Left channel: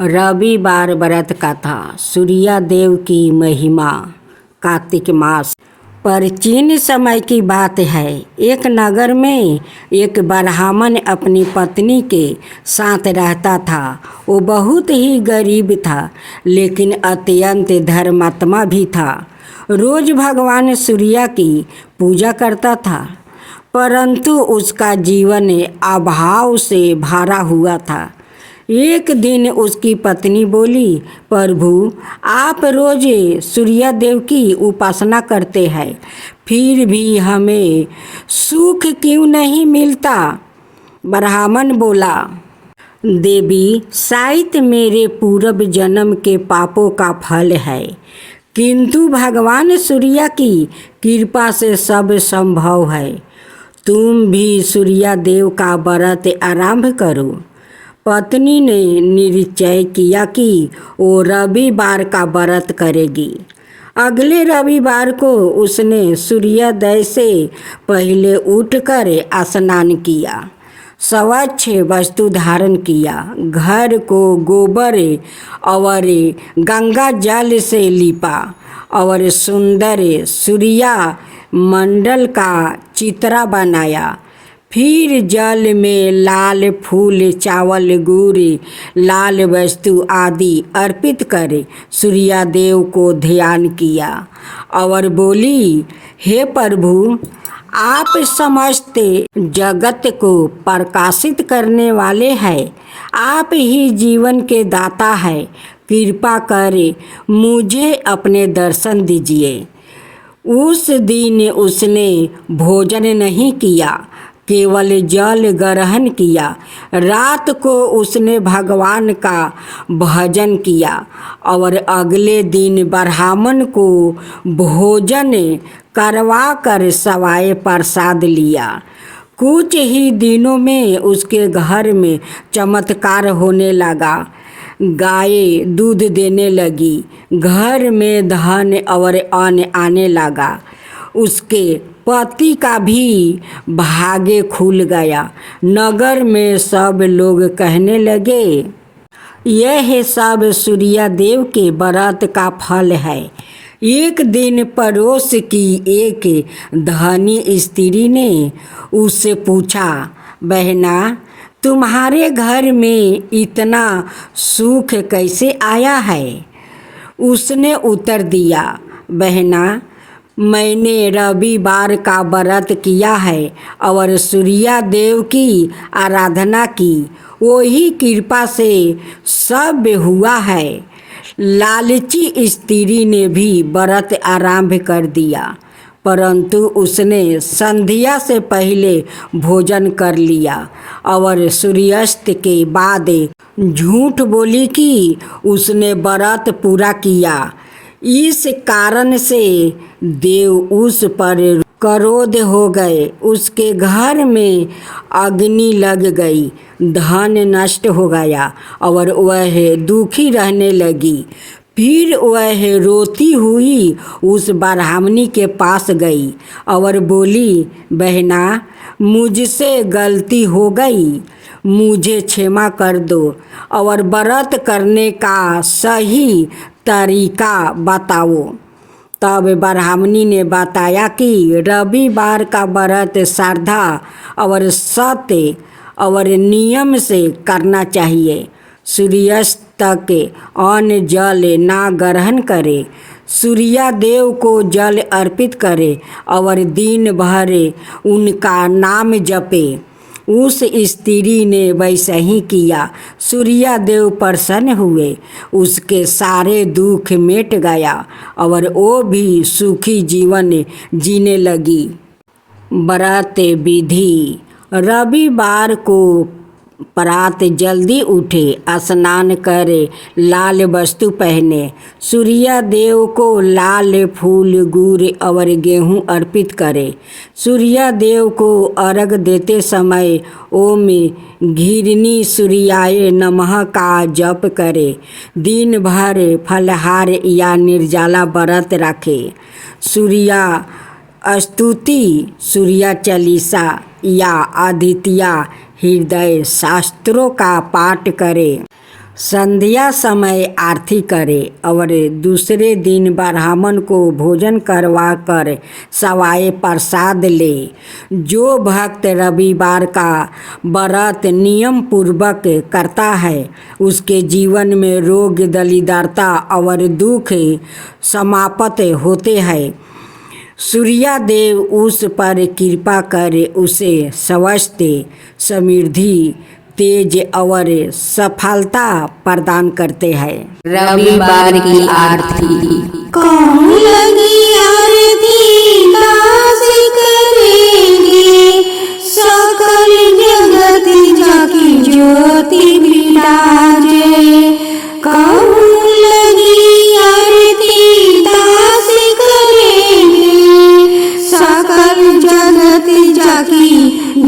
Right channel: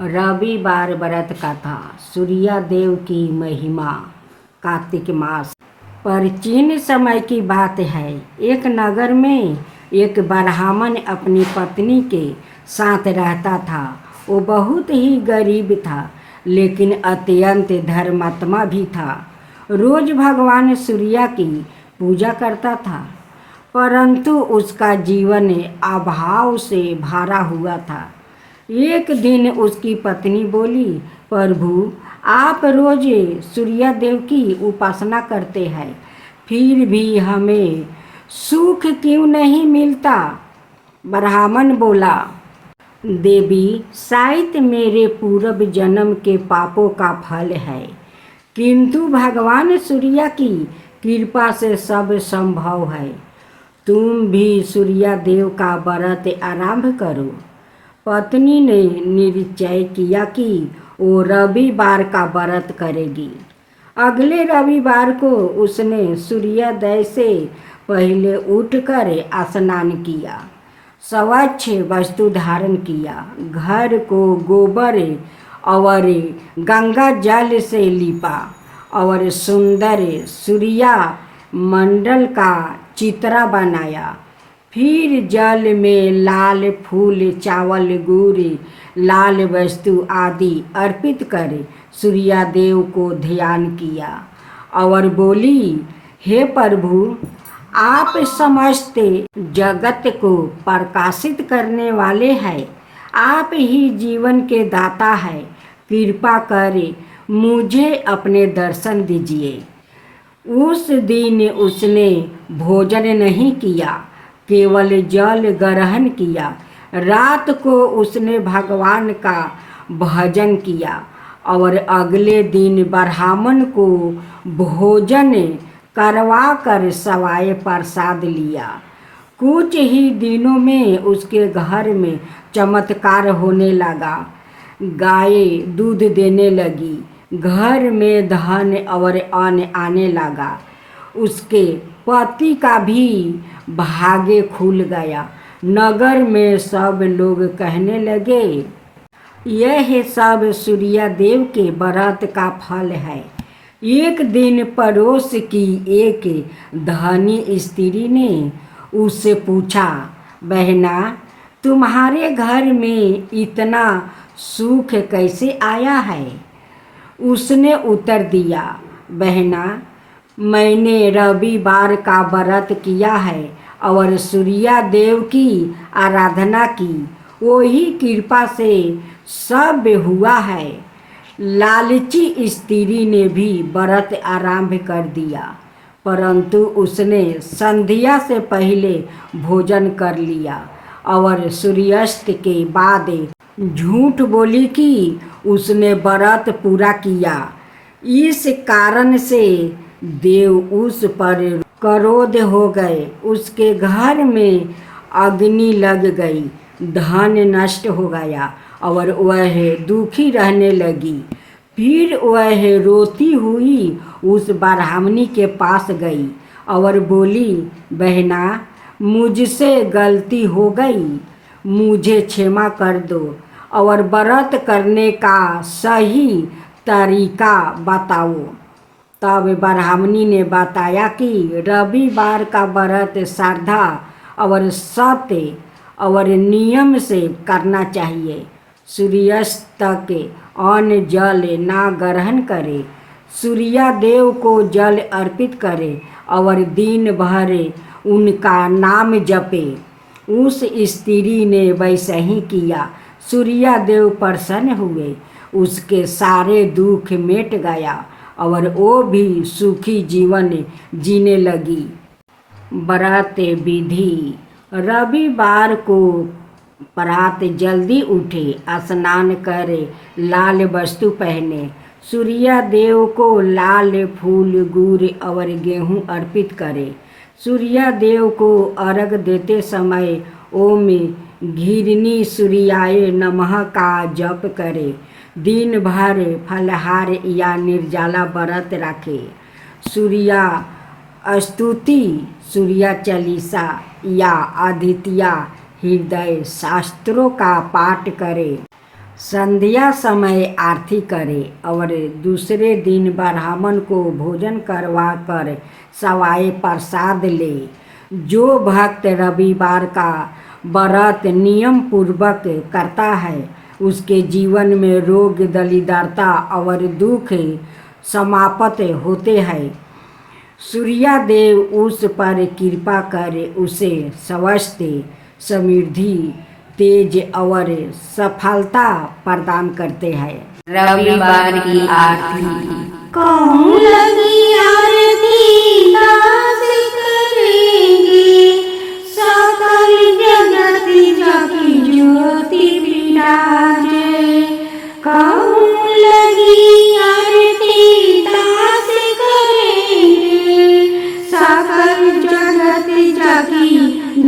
रविवार व्रत कथा। सूर्या देव की महिमा। कार्तिक मास। प्राचीन समय की बात है। एक नगर में एक ब्राह्मण अपनी पत्नी के साथ रहता था। वो बहुत ही गरीब था, लेकिन अत्यंत धर्मात्मा भी था। रोज भगवान सूर्य की पूजा करता था, परंतु उसका जीवन अभाव से भरा हुआ था। एक दिन उसकी पत्नी बोली, प्रभु, आप रोज सूर्य देव की उपासना करते हैं, फिर भी हमें सुख क्यों नहीं मिलता? ब्राह्मण बोला, देवी, शायद मेरे पूर्व जन्म के पापों का फल है, किंतु भगवान सूर्य की कृपा से सब संभव है। तुम भी सूर्य देव का व्रत आरंभ करो। पत्नी ने निश्चय किया कि वो रविवार का व्रत करेगी। अगले रविवार को उसने सूर्योदय से पहले उठकर स्नान किया, स्वच्छ वस्त्र धारण किया, घर को गोबर और गंगा जल से लिपा और सुंदर सूर्य मंडल का चित्र बनाया। फिर जल में लाल फूल, चावल, गुड़, लाल वस्तु आदि अर्पित कर सूर्य देव को ध्यान किया और बोली, हे प्रभु, आप समस्त जगत को प्रकाशित करने वाले हैं, आप ही जीवन के दाता हैं, कृपा कर मुझे अपने दर्शन दीजिए। उस दिन उसने भोजन नहीं किया, केवल जल ग्रहण किया। रात को उसने भगवान का भजन किया और अगले दिन ब्राह्मण को भोजन करवा कर सवाए प्रसाद लिया। कुछ ही दिनों में उसके घर में चमत्कार होने लगा। गाय दूध देने लगी, घर में धन और अन्न आने लगा। उसके पति का भी भाग्य खुल गया। नगर में सब लोग कहने लगे, यह सब सूर्य देव के व्रत का फल है। एक दिन पड़ोस की एक धनी स्त्री ने उससे पूछा, बहना, तुम्हारे घर में इतना सुख कैसे आया है? उसने उत्तर दिया, बहना, मैंने रविवार का व्रत किया है और सूर्य देव की आराधना की, वही कृपा से सब हुआ है। लालची स्त्री ने भी व्रत आरंभ कर दिया, परंतु उसने संध्या से पहले भोजन कर लिया और सूर्यास्त के बाद झूठ बोली कि उसने व्रत पूरा किया। इस कारण से देव उस पर क्रोध हो गए। उसके घर में अग्नि लग गई, धन नष्ट हो गया और वह दुखी रहने लगी। फिर वह रोती हुई उस ब्राह्मणी के पास गई और बोली, बहना, मुझसे गलती हो गई, मुझे क्षमा कर दो और व्रत करने का सही तरीका बताओ। तब ब्राह्मणी ने बताया कि रविवार का व्रत श्रद्धा और सत्य और नियम से करना चाहिए। सूर्यास्त तक अन्न जल ना ग्रहण करे, सूर्य देव को जल अर्पित करे और दिन भर उनका नाम जपे। उस स्त्री ने वैसा ही किया। सूर्य देव प्रसन्न हुए, उसके सारे दुख मिट गया और वो भी सुखी जीवन जीने लगी। व्रत विधि। रविवार को प्रात जल्दी उठे, स्नान करे, लाल वस्तु पहने, सूर्य देव को लाल फूल, गुड़ और गेहूँ अर्पित करे। सूर्य देव को अर्घ देते समय ओम घिरनी सूर्याय नमः का जप करे। दिन भर फलहार या निर्जला व्रत रखे। सूर्य स्तुति, सूर्य चालीसा या आदित्य हृदय शास्त्रों का पाठ करे। संध्या समय आरती करे और दूसरे दिन ब्राह्मण को भोजन करवा कर सवाए प्रसाद ले। जो भक्त रविवार का व्रत नियम पूर्वक करता है उसके जीवन में रोग दरिद्रता और दुख समाप्त होते हैं। सूर्यदेव उस पर कृपा कर उसे स्वास्थ्य, समृद्धि, तेज और सफलता प्रदान करते हैं। रविवार की आरती। कौन लगी आरती दास करेंगे, सकल जगत जाकी ज्योति विराजे। कौन लगी आरती दास करेंगे, सकल जगत जाकी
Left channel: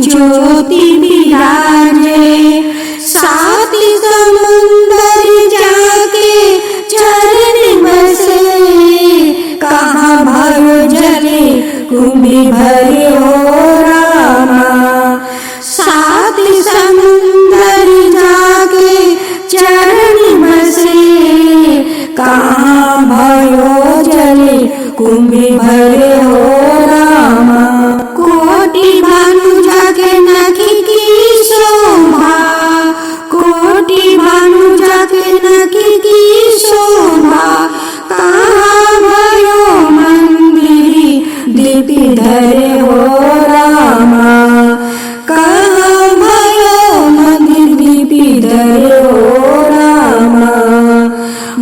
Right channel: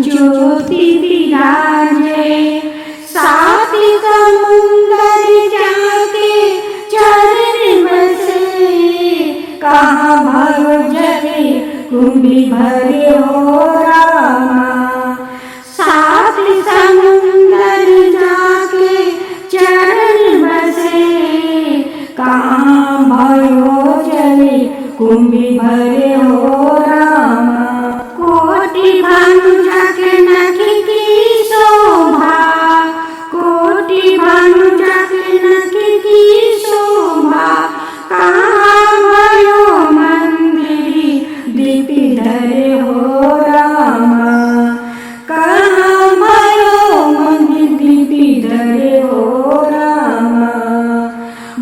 ज्योति विराजे। सात समुंदर जाके चरण बसे, कहाँ भयो जले कुंभी भरे हो रामा। सात समुंदर जाके चरण बसे, कहाँ भयो जले कुंभी भरे हो रामा। कोटि भानु जाके नखी की शोभा, कोटि भानु जाके नखी की शोभा। कहाँ भयो मंदिरी दीपि धरे हो रामा। कहाँ भयो मंदिर दीपि धरे हो रामा।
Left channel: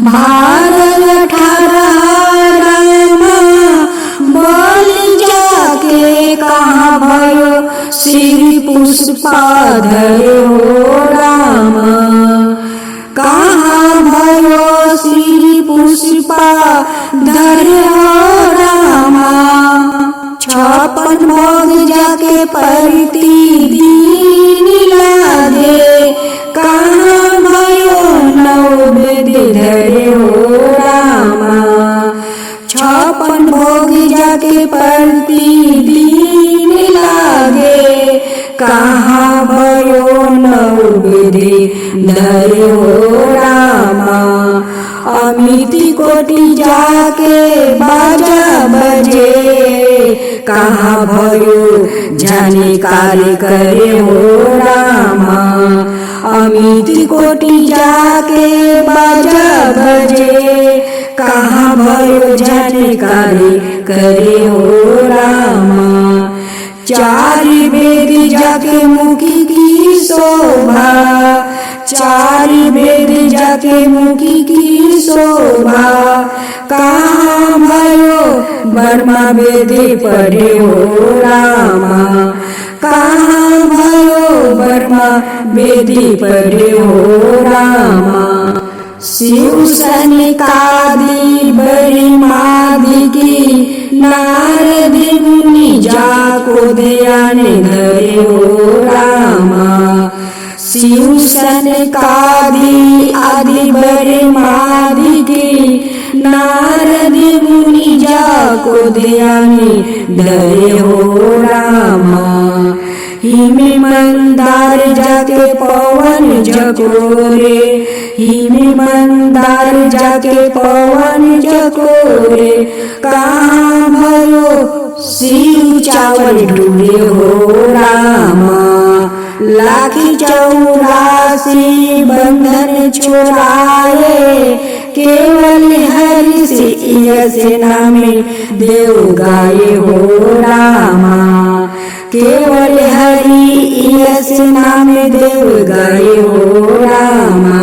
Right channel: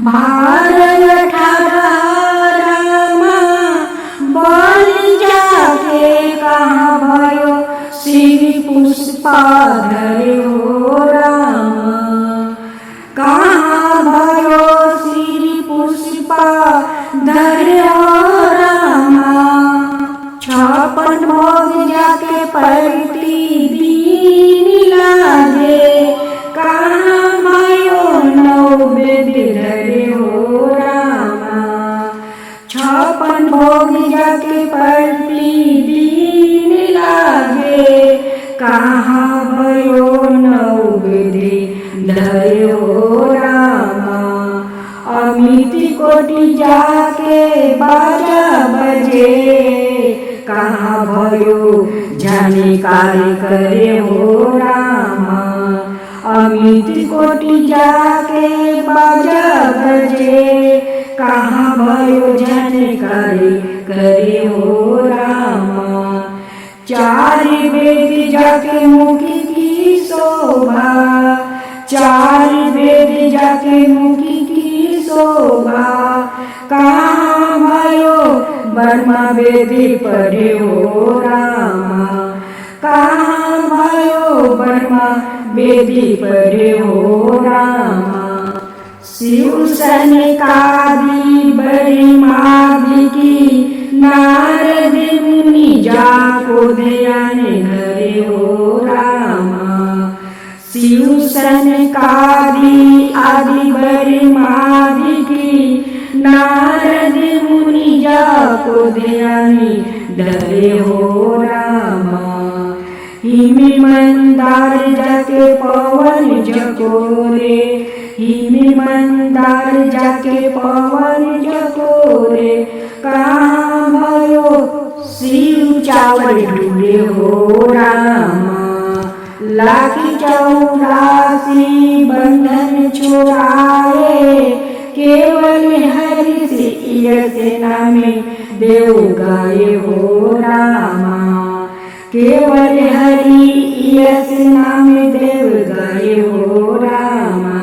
भारत अठारह रामा, बोल जाके कहाँ भयो श्री पुष्पा धरे हो रामा। कहाँ भयो श्री पुष्पा धरे हो रामा। 56 भोग जाके प्रतिदिन लागे, कहाँ भयो नववेद्य धरे हो रामा। 56 भोग जाके प्रतिदिन लागे, कहाँ भयो नववेद्य धरे हो रामा। अमिति कोटि जाके बाजा बजे, कहाँ भयो जाने कार्य करे हो रामा। अमिति कोटि जाके बाजा बजे, कहाँ भयो जाने कार्य करे हो रामा। चार वेद जाके मुखी की शोभा, चार वेद जाके मुखी की शोभा। कहाँ भयो ब्रह्मा वेद पढ़े हो रामा। कहाँ भयो ब्रह्मा वेद पढ़े हो रामा। शिव सनकादि बरिमादि की नारद मुनि जाको ध्यान धरे हो रामा। शिव सनकादि आदि बरिमादि की नारद मुनि जाको ध्यान धरे हो रामा। हिमे मंदार जाके पवन जकोरे, हिमे मंदार जाके पवन जकोरे। कहाँ भयो शिव चावल ढूंढे हो रामा। लाखी 84 बंधन छोड़ाए, केवल हरि से नाम देव गाये हो रामा। केवल हरि यस नाम देव गाये हो रामा।